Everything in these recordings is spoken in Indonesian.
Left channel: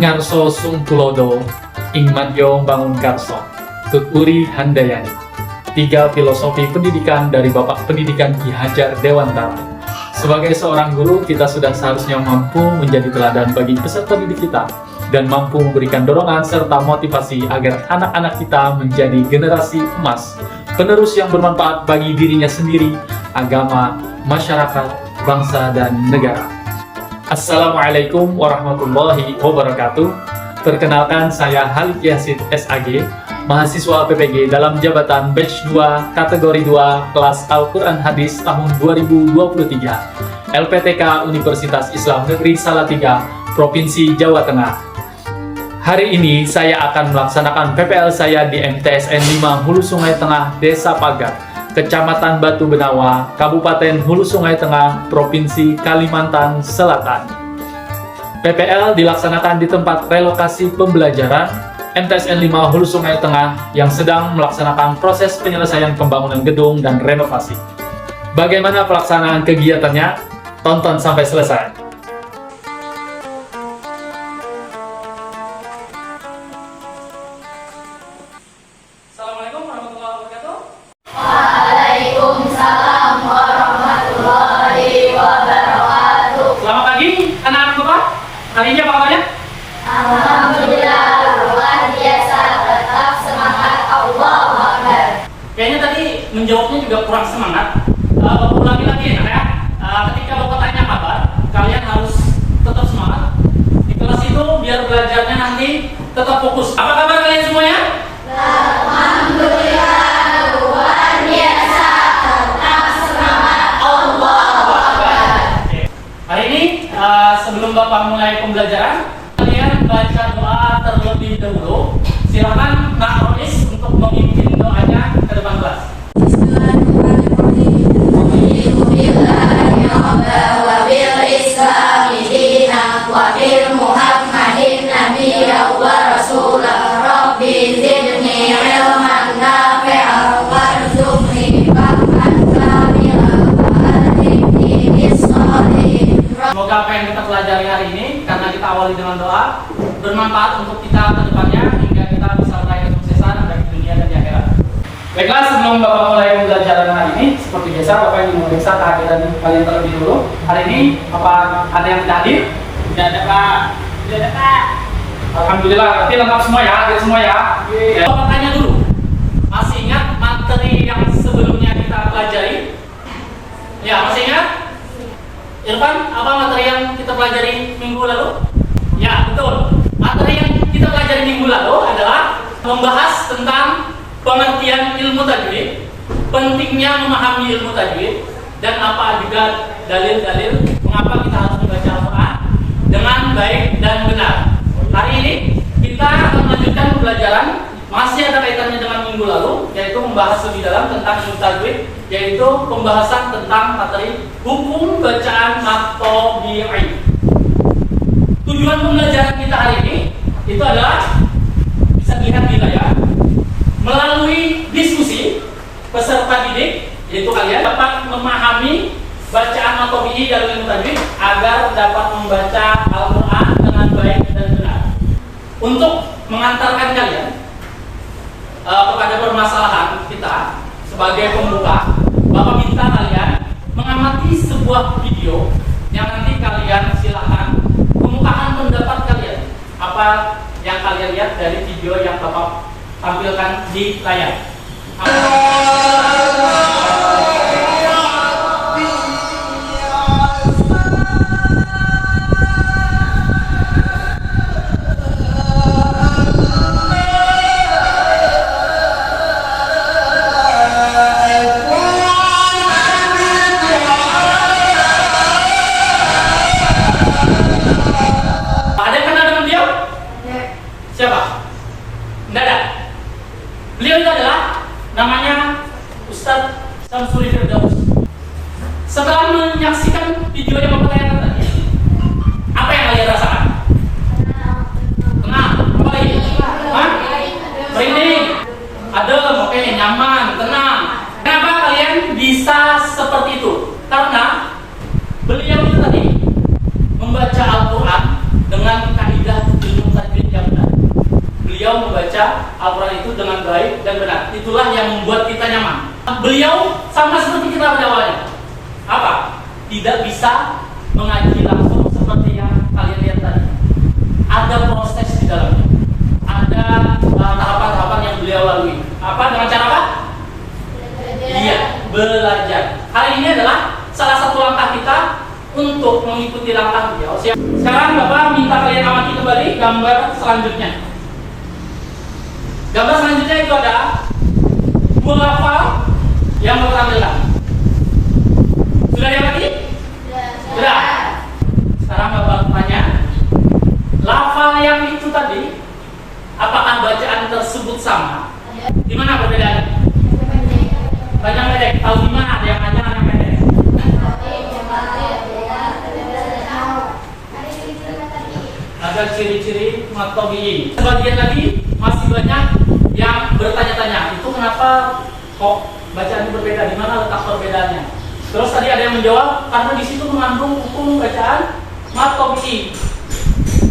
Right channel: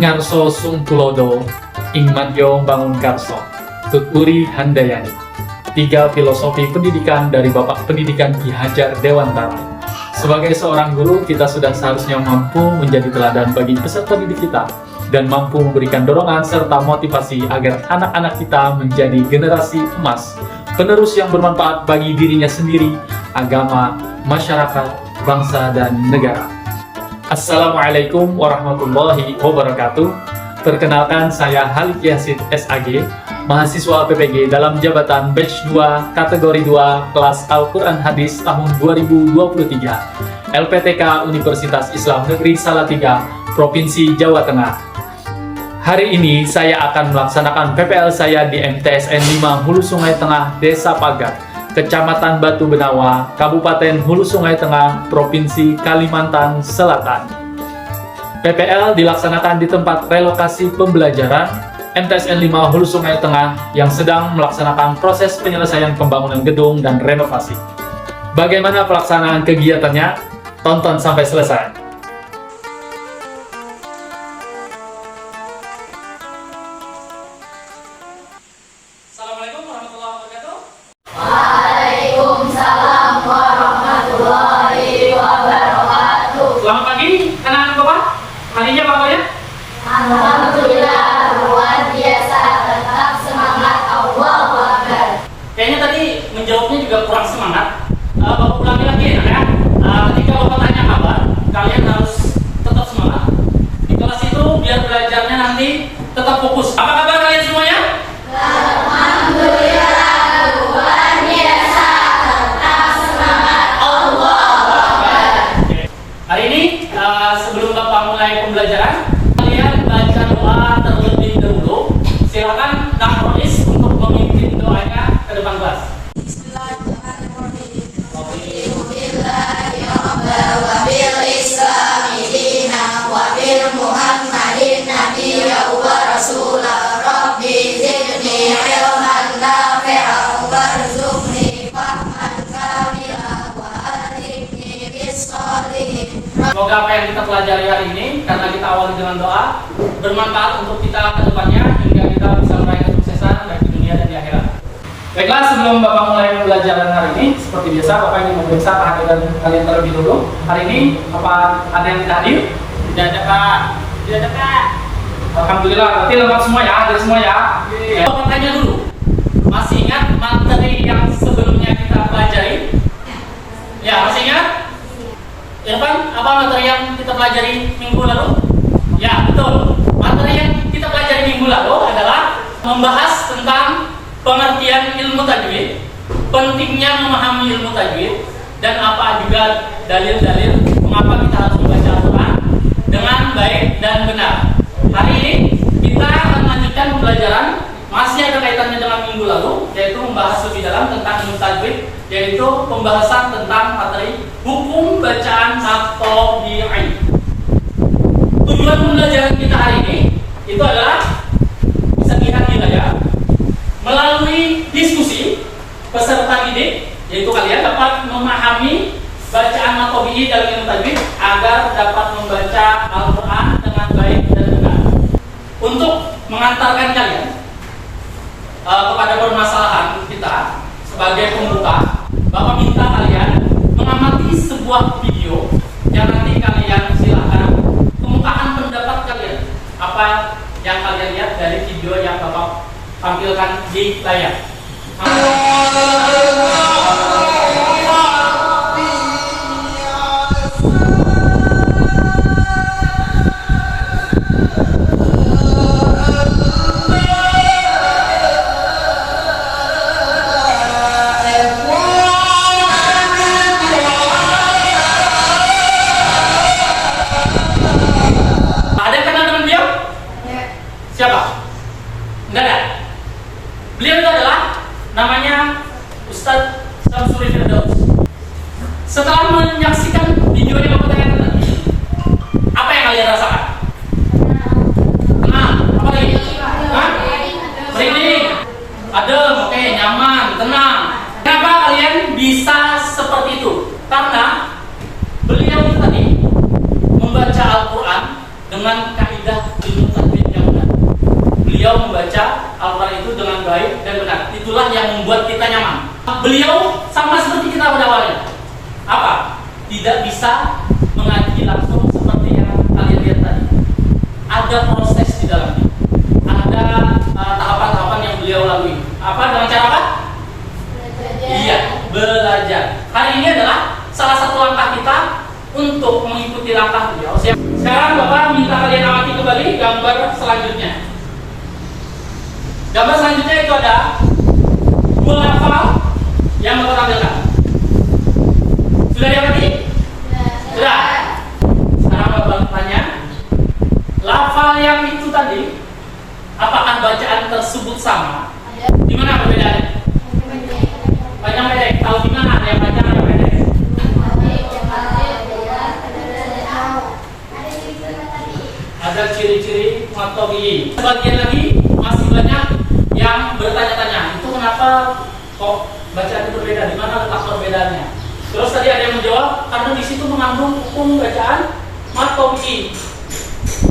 Ngarso Sungtulodo, Ing Madyo Bangun Karso, Tuturi Handayani. 3 filosofi pendidikan dari Bapak Pendidikan Ki Hajar Dewantara. Sebagai seorang guru, kita sudah seharusnya mampu menjadi teladan bagi peserta didik kita dan mampu memberikan dorongan serta motivasi agar anak-anak kita menjadi generasi emas, penerus yang bermanfaat bagi dirinya sendiri, agama, masyarakat, bangsa, dan negara. Assalamualaikum warahmatullahi wabarakatuh. Perkenalkan, saya Halik Yasin SAG, mahasiswa PPG dalam jabatan Batch 2 Kategori 2 Kelas Al-Quran Hadis tahun 2023 LPTK Universitas Islam Negeri Salatiga, Provinsi Jawa Tengah. Hari ini saya akan melaksanakan PPL saya di MTSN 5 Hulu Sungai Tengah, Desa Pagat, Kecamatan Batu Benawa, Kabupaten Hulu Sungai Tengah, Provinsi Kalimantan Selatan. PPL dilaksanakan di tempat relokasi pembelajaran MTSN 5 Hulu Sungai Tengah yang sedang melaksanakan proses penyelesaian pembangunan gedung dan renovasi. Bagaimana pelaksanaan kegiatannya? Tonton sampai selesai. Assalamualaikum warahmatullahi wabarakatuh. Waalaikumsalam warahmatullahi wabarakatuh. Selamat pagi, anak-anak Bapak. Hari ini apa kabarnya? Alhamdulillah, luar biasa, tetap semangat. Allahu Akbar. Kayaknya tadi menjawabnya juga kurang semangat. Bapak ulangi lagi ya, anak. Ketika Bapak tanya kabar, kalian harus tetap semangat. Di kelas itu biar belajarnya nanti tetap fokus. Apa kabar kalian semuanya? Alhamdulillah, luar biasa, tetap semangat. Allahu Akbar. Hari ini sebelum Bapak mulai pembelajaran, kalian baca doa terlebih dahulu. Silakan Nak Rois untuk memimpin doanya ke depan kelas. Semoga apa yang kita pelajari hari ini, karena kita awali dengan doa, bermanfaat untuk kita ke depannya hingga kita bisa meraih kesuksesan baik di dunia dan di akhirat. Baiklah, sebelum Bapak mulai pembelajaran hari ini, seperti biasa Bapak ingin memeriksa kehadiran kalian terlebih dulu. Hari ini apa ada yang tidak hadir? Tidak ada Pak. Tidak ada Pak. Alhamdulillah, berarti lengkap semua ya, ada semua ya. Ya. Bapak tanya dulu, masih ingat materi yang sebelumnya kita pelajari? Ya, masih ingat? Irfan, apa materi yang kita pelajari minggu lalu? Ya, betul. Materi yang kita pelajari minggu lalu adalah membahas tentang pengertian ilmu tajwid, pentingnya memahami ilmu tajwid, dan apa juga dalil-dalil mengapa kita harus membaca Al-Quran dengan baik dan benar. Hari ini kita akan melanjutkan pembelajaran, masih ada kaitannya dengan minggu lalu, yaitu membahas lebih dalam tentang ilmu tajwid, yaitu pembahasan tentang materi hukum bacaan at-tabi'i. Tujuan pembelajaran kita hari ini itu adalah, bisa dilihat di layar, melalui diskusi peserta didik, yaitu kalian dapat memahami bacaan at-tabi'i dalam ilmu tajwid agar dapat membaca Al-Quran dengan baik dan benar. Untuk mengantarkan kalian kepada permasalahan kita sebagai pembuka, Bapak minta kalian mengamati sebuah video yang nanti kalian silahkan kemukakan pendapat kalian, apa yang kalian lihat dari video yang Bapak tampilkan di layar. Siapa? Enggak ada. Beliau itu adalah namanya Ustadz Syamsuri Firdaus. Setelah menyaksikan videonya Bapak tanya tadi, apa yang kalian rasakan? Tenang, apa lagi? Merinding, adem, oke, nyaman, tenang. Kenapa kalian bisa seperti itu? Karena beliau itu tadi membaca Al-Quran dengan kaidah ilmu beliau membaca Al-Quran itu dengan baik dan benar. Itulah yang membuat kita nyaman. Beliau sama seperti kita pada awalnya. Apa? Tidak bisa mengaji langsung seperti yang kalian lihat tadi. Ada proses di dalamnya. Ada tahapan-tahapan yang beliau lalui. Apa? Dengan cara apa? Iya, belajar. Hari ini adalah salah satu langkah kita untuk mengikuti langkah beliau. Sekarang Bapak minta kalian amati kembali gambar selanjutnya. Gambar selanjutnya itu ada dua lafal yang Bapak tampilkan. Sudah diamati? Sudah. Sekarang Bapak tanya, lafal yang itu tadi, apakah bacaan tersebut sama? Di mana perbedaannya? Banyak pendek. Tahu di mana ada yang panjang, ada yang pendek? Ada ciri-ciri matobiyin. Sebagian lagi masih banyak yang bertanya-tanya, itu kenapa kok bacaannya berbeda? Di mana letak perbedaannya? Terus tadi ada yang menjawab, karena di situ mengandung hukum bacaan matobiyin.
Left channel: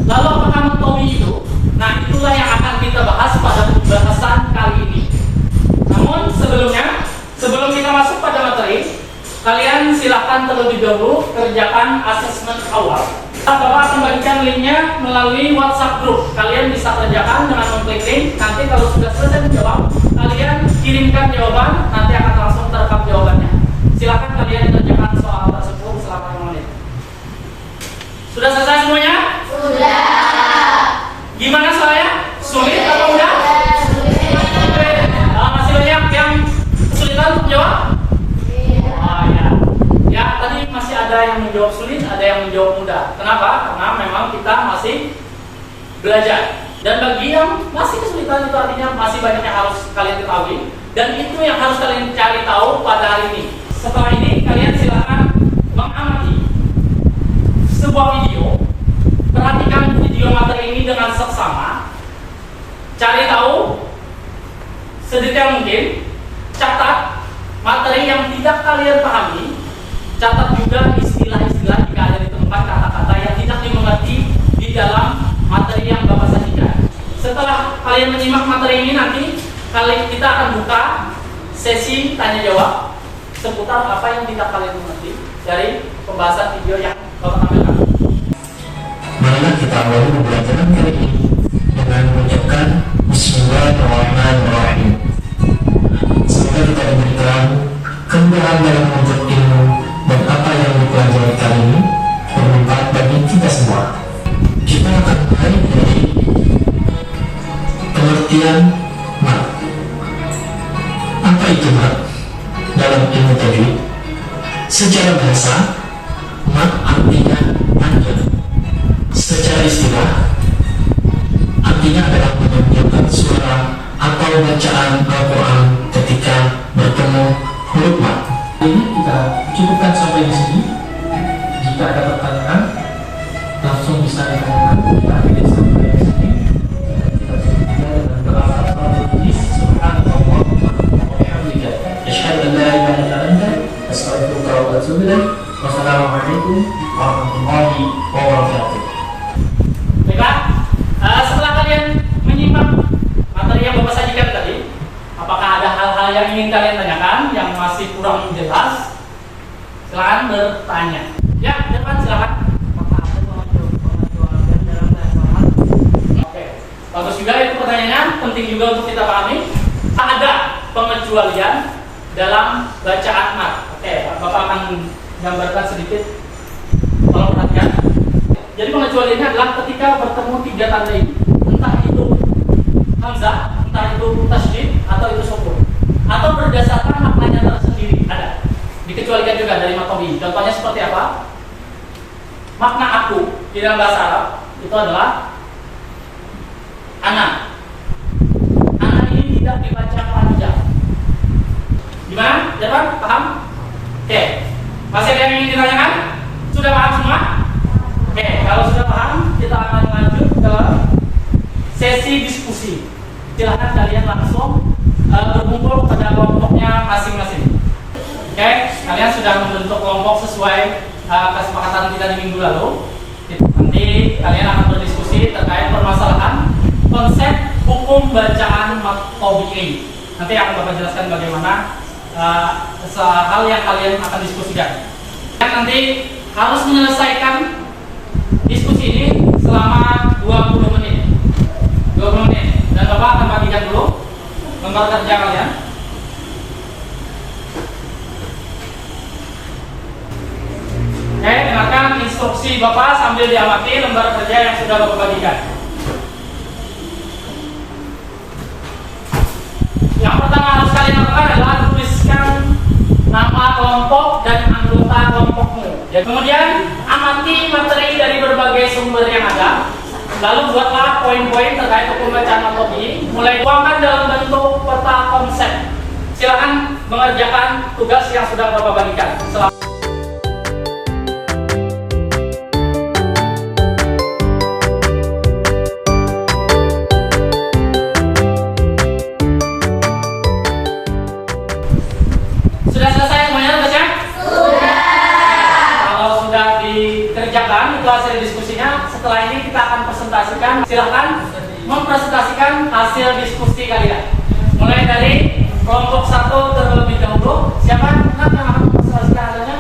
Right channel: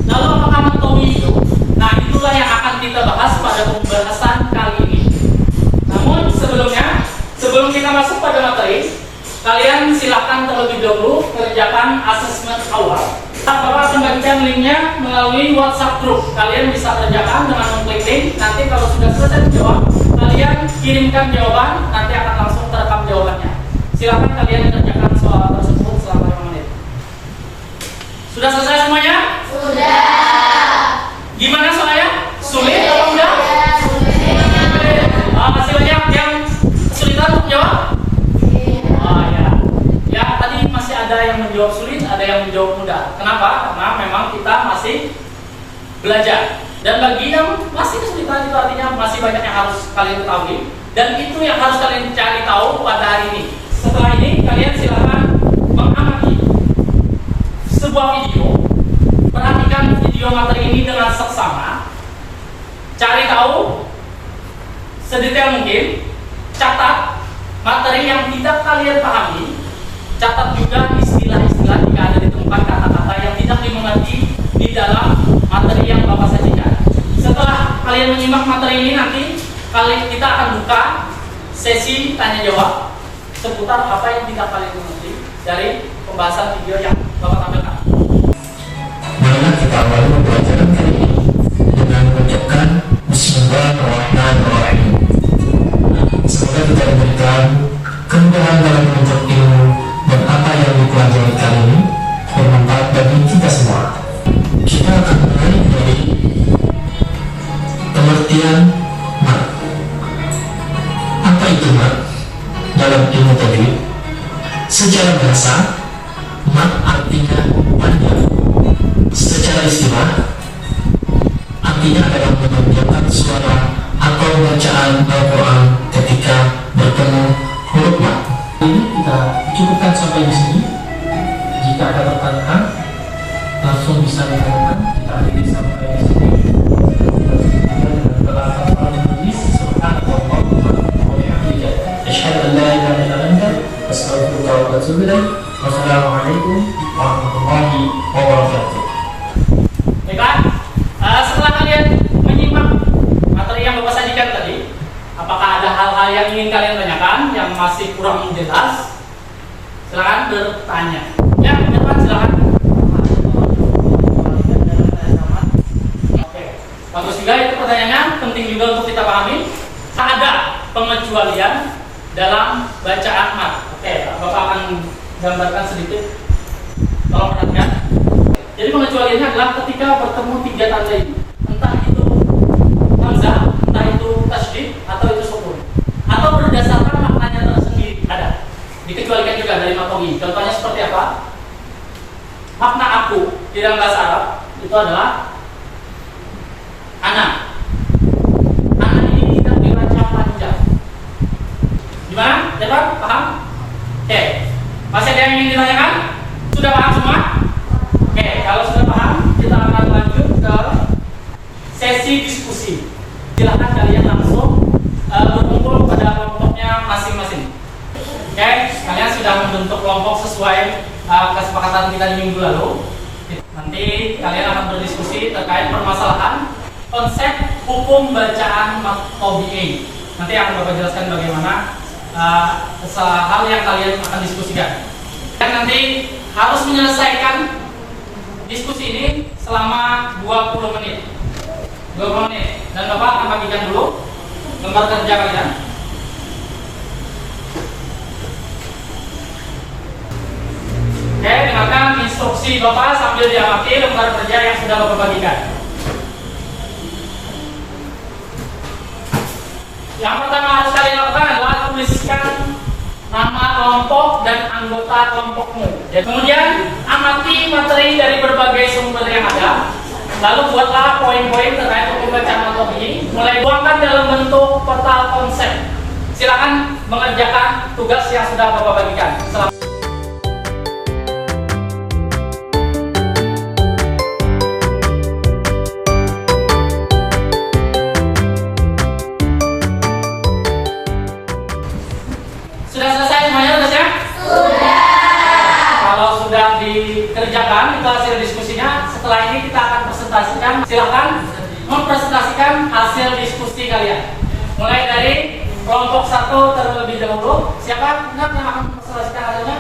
Lalu apakah matobiyin itu? Nah, itulah yang akan kita bahas pada pembahasan kali ini. Namun sebelum kita masuk pada materi, kalian silahkan terlebih dahulu kerjakan asesmen awal. Bapak akan bagikan linknya melalui WhatsApp group. Kalian bisa kerjakan dengan mengklik link. Nanti kalau sudah selesai menjawab, kalian kirimkan jawaban. Nanti akan langsung terekam jawabannya. Silahkan kalian kerjakan soal tersebut selama 5 menit. Sudah selesai semuanya? Sudah. Gimana soalnya? Sulit atau mudah? Masih banyak yang kesulitan untuk jawab? Oh ya. Ya, tadi masih ada yang menjawab sulit, ada yang menjawab mudah. Kenapa? Karena memang kita masih belajar. Dan bagi yang masih kesulitan itu artinya masih banyak yang harus kalian ketahui. Dan itu yang harus kalian cari tahu pada hari ini. Setelah ini kalian silakan mengamati sebuah video. Perhatikan video materi ini dengan seksama. Cari tahu sedetail mungkin. Catat materi yang tidak kalian pahami. Catat juga istilah-istilah jika ada di tempat kata-kata yang tidak dimengerti di dalam materi yang Bapak sajikan. Setelah kalian menyimak materi ini, nanti kita akan buka sesi tanya jawab seputar apa yang tidak kalian mengerti dari pembahasan video yang Bapak tampilkan. Marilah kita awali pembelajaran kali ini dengan mengucapkan Bismillahirrahmanirrahim. Semoga kita diberikan kemudahan dalam menuntut ilmu dan apa yang dipelajari kali ini bermanfaat bagi kita semua. Kita akan mulai dari pengertian mat. Apa itu mat? Dalam ilmu tajwid, secara bahasa, mat artinya panjang. Secara istilah, artinya adalah menunjukkan suara atau bacaan Al-Quran ketika bertemu huruf mat. Ini kita cukupkan sampai di sini. Jika ada pertanyaan, langsung bisa ditanyakan. Kita akhiri sampai di sini. Wassalamualaikum warahmatullahi wabarakatuh. Baiklah, setelah kalian menyimak materi yang Bapak sajikan tadi, apakah ada hal-hal yang ingin kalian tanyakan yang masih kurang jelas? Silakan bertanya. Ya, depan silakan. Oke, bagus juga itu pertanyaannya, penting juga untuk kita pahami. Ada pengecualian dalam bacaan mat. Oke, Bapak akan gambarkan sedikit. Tolong perhatikan. Jadi pengecualiannya adalah ketika bertemu 3 tanda ini, entah itu hamzah, entah itu tasydid, atau itu sukun, atau berdasarkan maknanya tersendiri ada. Dikecualikan juga dari matobi. Contohnya seperti apa? Makna aku di dalam bahasa Arab itu adalah ana. Ana ini tidak dibaca panjang. Gimana? Dapat? Paham? Oke. Masih ada yang ingin ditanyakan? Sudah paham semua? Oke, kalau sudah paham, kita akan lanjut ke sesi diskusi. Silahkan kalian langsung berkumpul pada kelompoknya masing-masing. Oke, kalian sudah membentuk kelompok sesuai kesepakatan kita di minggu lalu. Nanti kalian akan berdiskusi terkait permasalahan konsep hukum bacaan tabi'in. Nanti akan Bapak jelaskan bagaimana hal yang kalian akan diskusikan. Dan nanti harus menyelesaikan diskusi ini selama 20 menit. 20 menit. Dan Bapak akan bagikan dulu lembar kerja kalian. Oke, dengarkan instruksi Bapak sambil diamati lembar kerja yang sudah Bapak bagikan. Yang pertama harus kalian lakukan adalah tuliskan nama kelompok dan anggota kelompokmu. Kemudian amati materi dari berbagai sumber yang ada. Lalu buatlah poin-poin terkait hukum bacaan tabi'in. Mulai tuangkan dalam bentuk peta konsep. Silakan mengerjakan tugas yang sudah Bapak bagikan. Sudah selesai semuanya tugasnya? Sudah. Kalau sudah dikerjakan itu hasil diskusinya, setelah ini kita akan presentasikan. Silakan mempresentasikan hasil diskusi kalian. Mulai dari kelompok 1 terlebih dahulu. Siapa yang akan mempresentasikan hasilnya?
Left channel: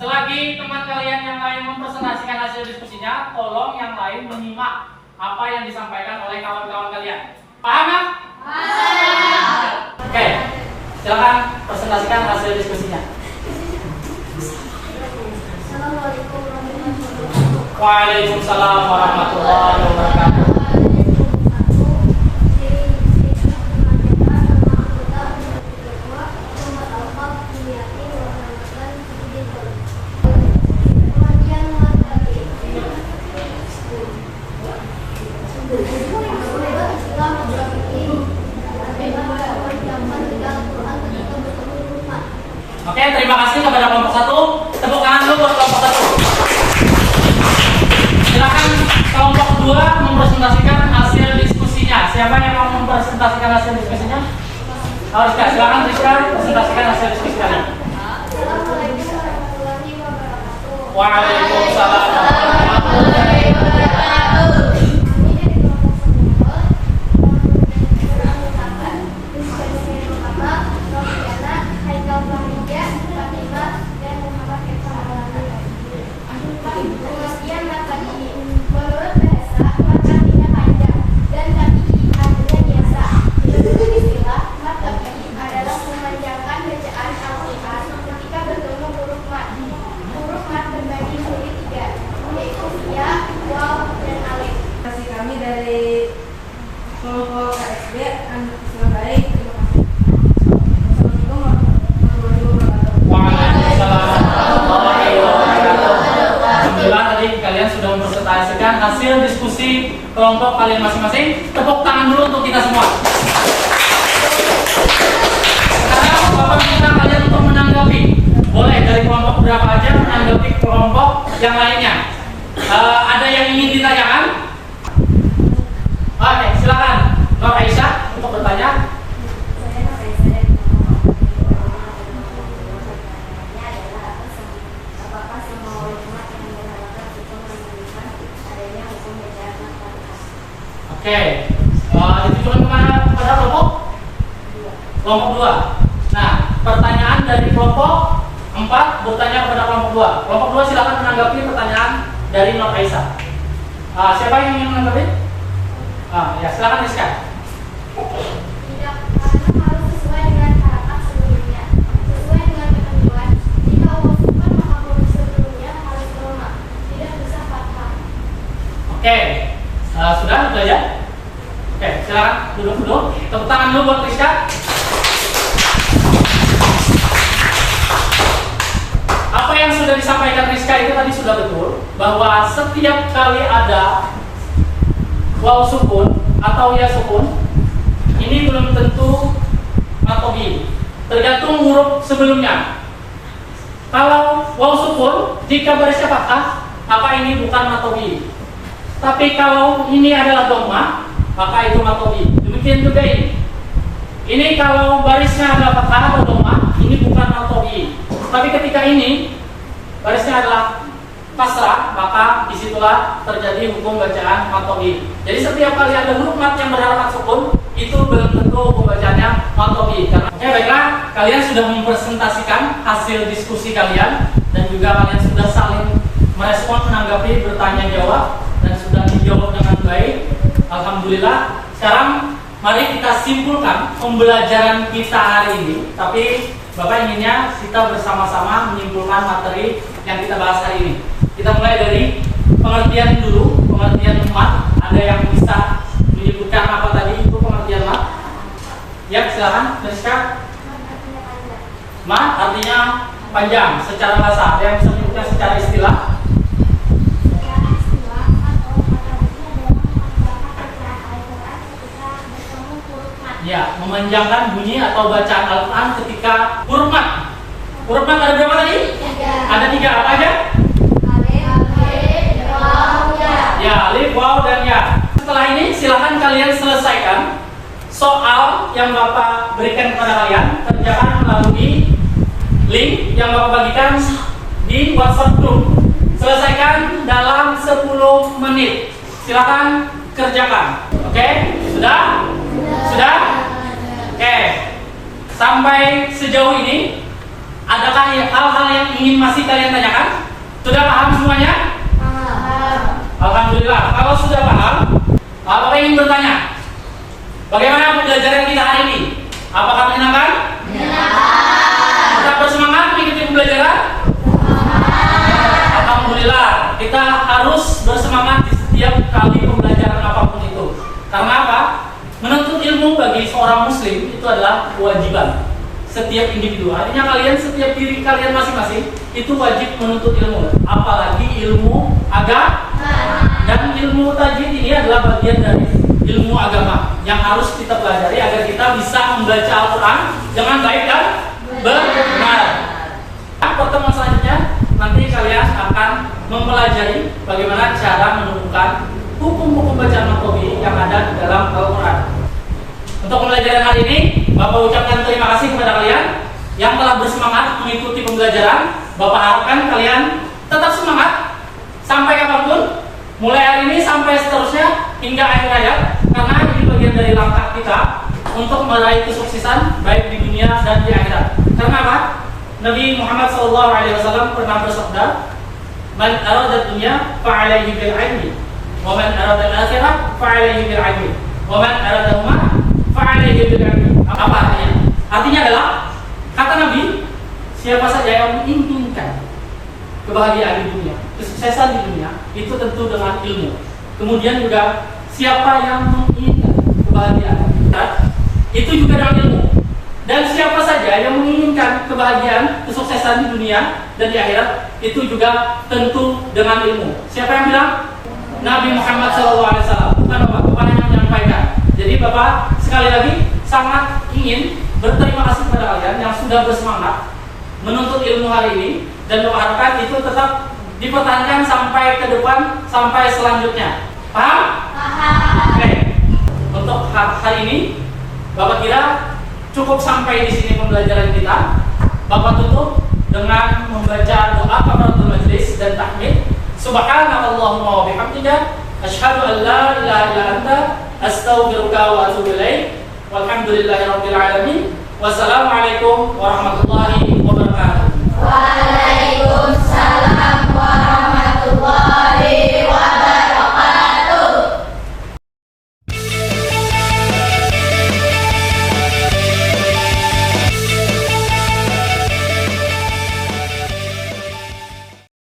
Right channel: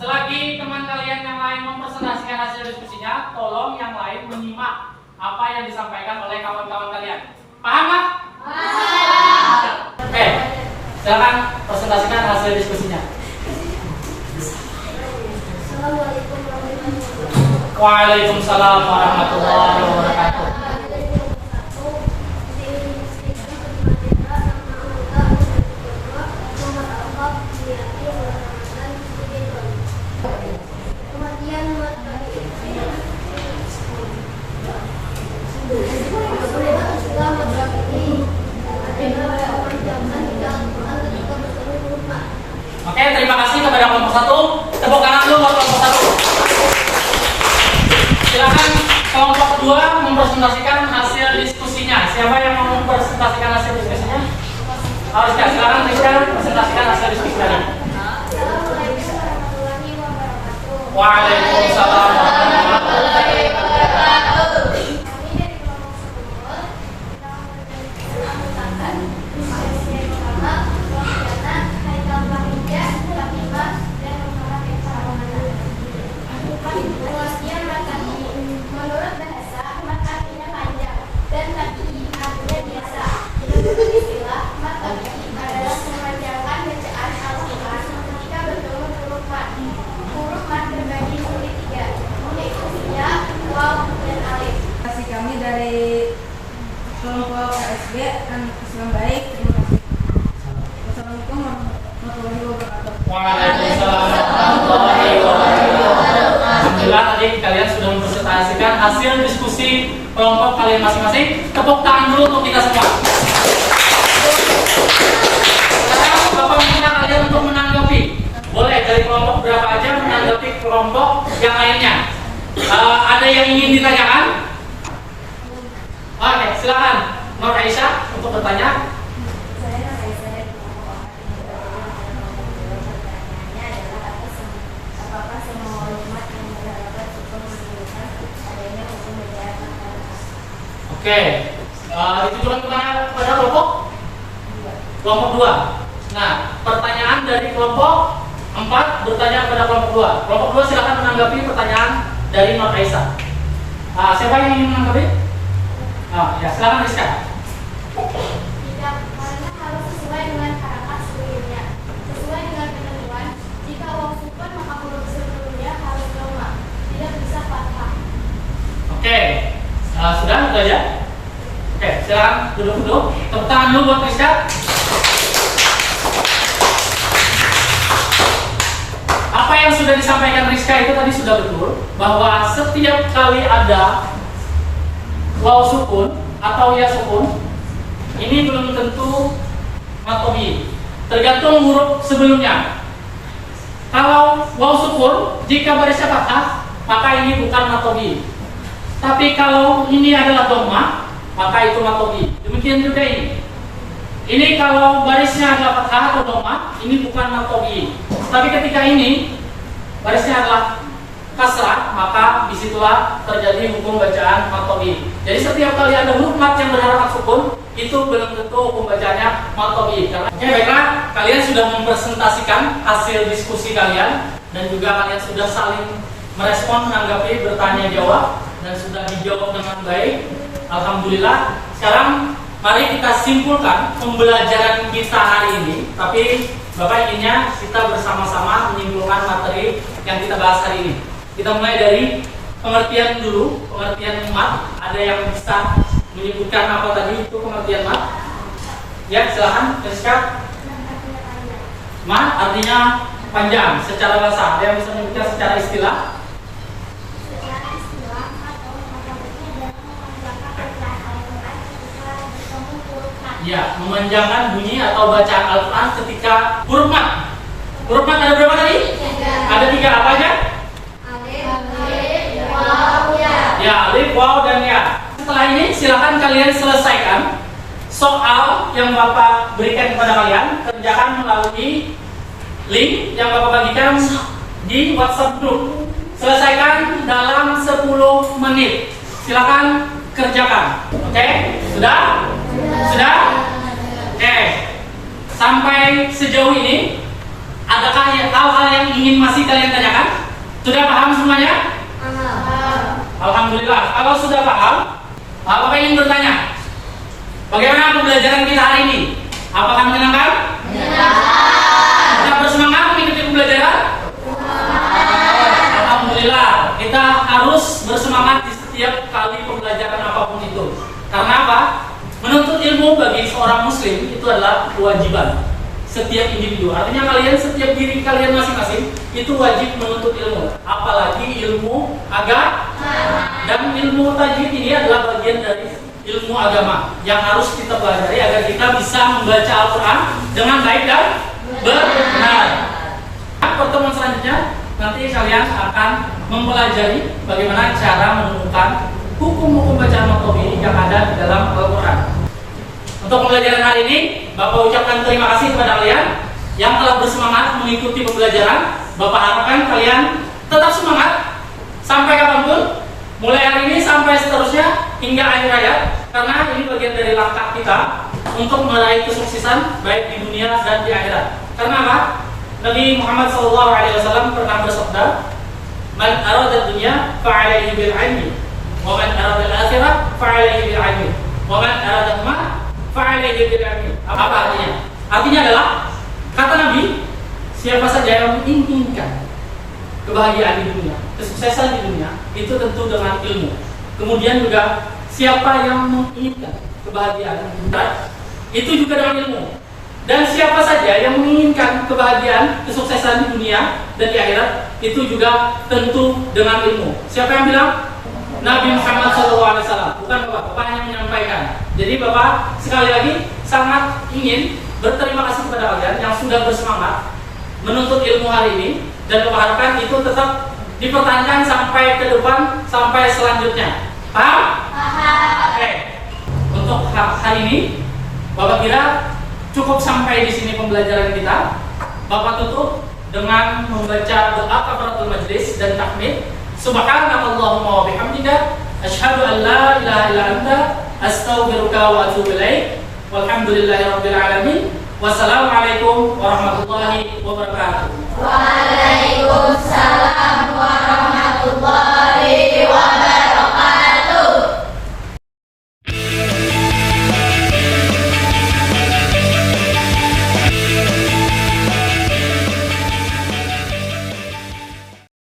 Selagi teman kalian yang lain mempresentasikan hasil diskusinya, tolong yang lain menyimak apa yang disampaikan oleh kawan-kawan kalian. Paham nggak? Oke, silakan presentasikan hasil diskusinya. Assalamualaikum warahmatullahi wabarakatuh. Waalaikumsalam warahmatullahi wabarakatuh. Oke, terima kasih kepada kelompok 1. Tepuk tangan dulu buat kelompok 1. Silakan kelompok 2 mempresentasikan hasil diskusinya. Siapa yang mau mempresentasikan hasil diskusinya? Rizka, silakan Rizka presentasikan hasil diskusi kalian. Assalamualaikum warahmatullahi wabarakatuh. Waalaikumsalam warahmatullahi wabarakatuh. Kami dari kelompok 10 menganggotakan diskusi yang pertama, Rofiana, Haikal Fahija, Fatimah, dan Muhammad Eka Maulana. Pengertian matabi. Menurut bahasa, mat artinya panjang dan tabi'i artinya biasa. Menurut istilah, mat tabi'i adalah memanjangkan bacaan Al-Quran ketika bertemu huruf mat. Huruf mat berbagi menjadi 3, yaitu ya, waw, dan alif. Terima kasih kami dari kelompok KSB anak Islam baik. Terima kasih. Wassalamualaikum warahmatullahi wabarakatuh. Waalaikumsalam warahmatullahi wabarakatuh. Alhamdulillah tadi kalian sudah mempresentasikan hasil diskusi kelompok kalian masing-masing. Tepuk tangan dulu untuk kita semua. Sekarang Bapak minta kalian untuk menanggapi. Boleh dari kelompok berapa aja menanggapi kelompok yang lainnya. Ada yang ingin ditanyakan? Oke, silakan Nur Aisyah untuk bertanya. Saya Raisa dan apakah semua ulama yang berhalakan cukup menunjukkan adanya hukum bacaan masyarakat? Oke, ditujukan kepada kelompok 2. Nah, pertanyaan dari kelompok 4 bertanya kepada kelompok 2. Kelompok 2 silakan menanggapi pertanyaan dari Nur Aisyah. Siapa yang ingin menanggapi? Ya, silakan Rizka. Tidak, karena harus sesuai dengan harakat sebelumnya. Sesuai dengan ketentuan, jika uang super maka huruf sebelumnya harus doma, tidak bisa fathah. Oke, sudah itu aja. Oke, silakan duduk dulu. Tepuk tangan dulu buat Rizka. Apa yang sudah disampaikan Rizka itu tadi sudah betul, bahwa setiap kali ada waw sukun atau ya sukun, ini belum tentu matobi, tergantung huruf sebelumnya. Kalau waw sukun, jika barisnya fathah, maka ini bukan matobi. Tapi kalau ini adalah dhamma, maka itu matobi. Demikian juga ini. Ini kalau barisnya adalah fathah atau dhamma, ini bukan matobi. Tapi ketika ini barisnya adalah kasrah, maka disitulah terjadi hukum bacaan matobi. Jadi setiap kali ada huruf mat yang berharakat sukun, itu belum tentu hukum bacaannya matobi. Oke, baiklah, kalian sudah mempresentasikan hasil diskusi kalian dan juga kalian sudah saling merespon, menanggapi, bertanya jawab dan sudah dijawab dengan baik. Alhamdulillah. Sekarang mari kita simpulkan pembelajaran kita hari ini. Tapi Bapak inginnya kita bersama-sama menyimpulkan materi yang kita bahas hari ini. Kita mulai dari pengertian dulu, pengertian mat. Ada yang bisa menyebutkan apa tadi itu pengertian mat? Ya, silakan, Rizka. Mat artinya panjang secara bahasa. Ada yang bisa menyebutkan secara istilah? Secara istilah atau kata bunyi adalah memanjangkan bacaan Al-Quran ketika bertemu huruf mat. Ya, memanjangkan bunyi atau bacaan Al-Quran ketika huruf mat. Huruf mat ada berapa tadi? Ada 3, apa aja? Alif, waw, ya. Ya, alif, waw, dan ya. Setelah ini silahkan kalian selesaikan soal yang Bapak berikan kepada kalian. Kerjakan melalui link yang Bapak bagikan di WhatsApp group. Selesaikan dalam 10 menit. Silahkan kerjakan. Oke? Sudah? Sudah? Oke. Sampai sejauh ini, adakah hal-hal yang ingin masih kalian tanyakan? Sudah paham semuanya? Alhamdulillah. Kalau sudah paham, Bapak ingin bertanya, bagaimana pembelajaran kita hari ini? Apakah menyenangkan? Tetap bersemangat mengikuti pembelajaran? Alhamdulillah. Kita harus bersemangat di setiap kali pembelajaran apapun itu. Karena apa? Menuntut ilmu bagi seorang muslim itu adalah kewajiban setiap individu. Artinya kalian, setiap diri kalian masing-masing itu wajib menuntut ilmu. Apalagi ilmu agama. Dan ilmu tajwid ini adalah bagian dari ilmu agama yang harus kita pelajari agar kita bisa membaca Al-Quran dengan baik dan benar. Pertemuan selanjutnya nanti kalian akan mempelajari bagaimana cara menemukan hukum-hukum bacaan matobi yang ada di dalam Al-Quran. Untuk pembelajaran hari ini, Bapak ucapkan terima kasih kepada kalian yang telah bersemangat mengikuti pembelajaran. Bapak harapkan kalian tetap semangat sampai kapanpun, mulai hari ini sampai seterusnya hingga akhir hayat, karena ini bagian dari langkah kita untuk meraih kesuksesan baik di dunia dan di akhirat. Karena apa? Nabi Muhammad SAW pernah bersabda, "Man arada dunya fa'alaihi bil 'ilmi, wa man arada al-akhirah fa'alaihi bil 'ilmi, wa man arada al-mal fa'alaihi bil 'ilmi." Apa artinya? Artinya adalah, kata Nabi, siapa saja yang menginginkan kebahagiaan di dunia, kesuksesan di dunia, itu tentu dengan ilmu. Kemudian juga siapa yang menginginkan kebahagiaan itu juga dengan ilmu. Dan siapa saja yang menginginkan kebahagiaan, kesuksesan di dunia dan di akhirat, itu juga tentu dengan ilmu. Siapa yang bilang? Nabi Muhammad SAW. Bukan Bapak yang menyampaikan. Jadi Bapak sekali lagi sangat ingin berterima kasih kepada kalian yang sudah bersemangat menuntut ilmu hari ini, dan Bapak harapkan itu tetap dipertahankan sampai ke depan, sampai selanjutnya. Paham? Oke. Untuk hari ini, Bapak kira cukup sampai di sini pembelajaran kita. Bapak tutup dengan membaca doa kafaratul majlis dan tahmid. Subhanakallahumma wa bihamdika, asyhadu an la ilaha illa anta, astaghfiruka wa atubu ilaik. Walhamdulillahirabbil alamin. Wassalamualaikum warahmatullahi